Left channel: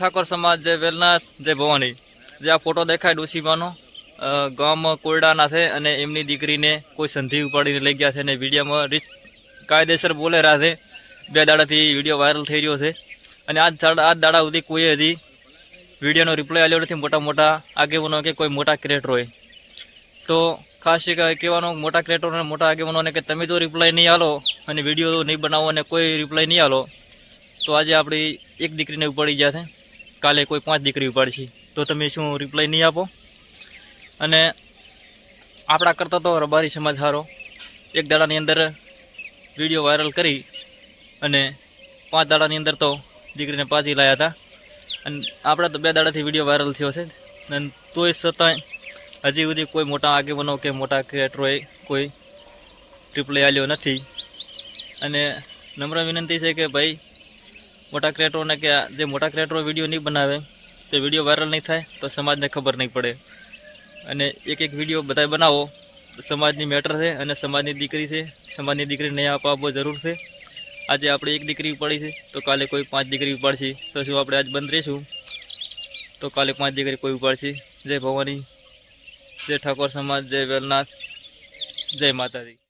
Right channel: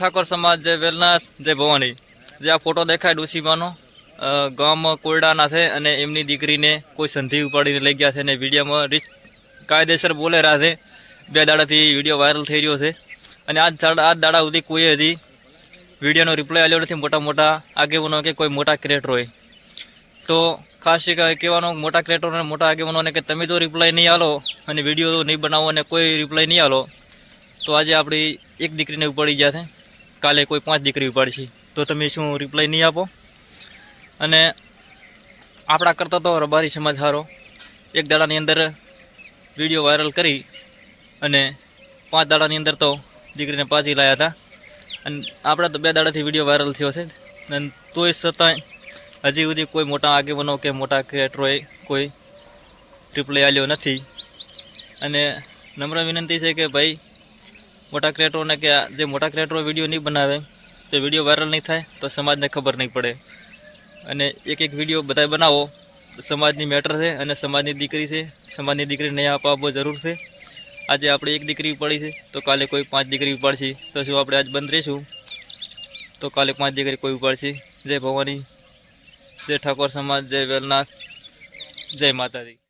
ઠાકોર સમાજ જય વેલનાથ જય ભવાની। જે આ ફોટો દેખાય ડોસીમાનો ગામ કોરડાના છે અને એમની દીકરીને કોઈ સંધિ ઉપાડીને લઈ ગયા છે અને વિડીયોમાં કાયદેસર બોલે રહ્યા છે। 2 દાડાથી વિડીયો વાયરલ થઈ રહ્યો છે અને આજ દાડા સુધી કોઈ હજી વિડીયોનો રિપ્લાય આવ્યો નથી। મોટા મોટા આગેવાનો કે કોઈ મોટા ક્રિએટર હોય તો ખાસ કહેવાનો મોટા ક્રિએટર અને મોટા આગેવાનોને કે તમે તો રિપ્લાય નહીં આલો અને વિડીયો નહીં બનાવો અને કોઈ રિપ્લાય નહીં આલો તો આજે આપણી એક દીકરીને ઉપાડી ગયા છે, કાલે કોઈ 5 દીકરી ઉપાડશે તો તમે શું રિપ્લાય નહીં આપો? અને આપણા કરતાં તો રબારી સમાજ સારો, 1 દાડાની અંદર વિડીયો વાયરલ કરી અને 5 દાડાની અંદર તો દીકરીને પાછી લાવ્યા હતા અને આપણે તો 2 દાડાથી વિડીયો વાયરલ થયો છે અને તોય છતાંય હજી સુધી કોઈ મોટા આગેવાનો કે મોટા ક્રિએટરોએ કોઈ રિપ્લાય આપ્યો નથી। અને નમ્ર વિનંતી છે કે ભાઈ મોટા ક્રિએટરોને કે જે મોટા ક્રિએટરો વિડીયો નહીં બનાવે તો વિડીયો વાયરલ નહીં થાય તો સમાજને ખબર નહીં પડે અને એક વિડીયો બધાય બનાવો। સમાજની મેટર છે અને સમાજની દીકરી છે, સમાજની દીકરીને આપવો જરૂર છે। આજે આપણે 1 દીકરી ઉપાડી છે તો કાલે કોઈ 5 દીકરી ઉપાડશે તો શું આપણે આજ બંધ રહીશું તો કાલે 5 દીકરી કોઈ ઉપાડશે। જય ભવાની, જય ઠાકોર સમાજ, જય વેલનાથ, જય માતાજી।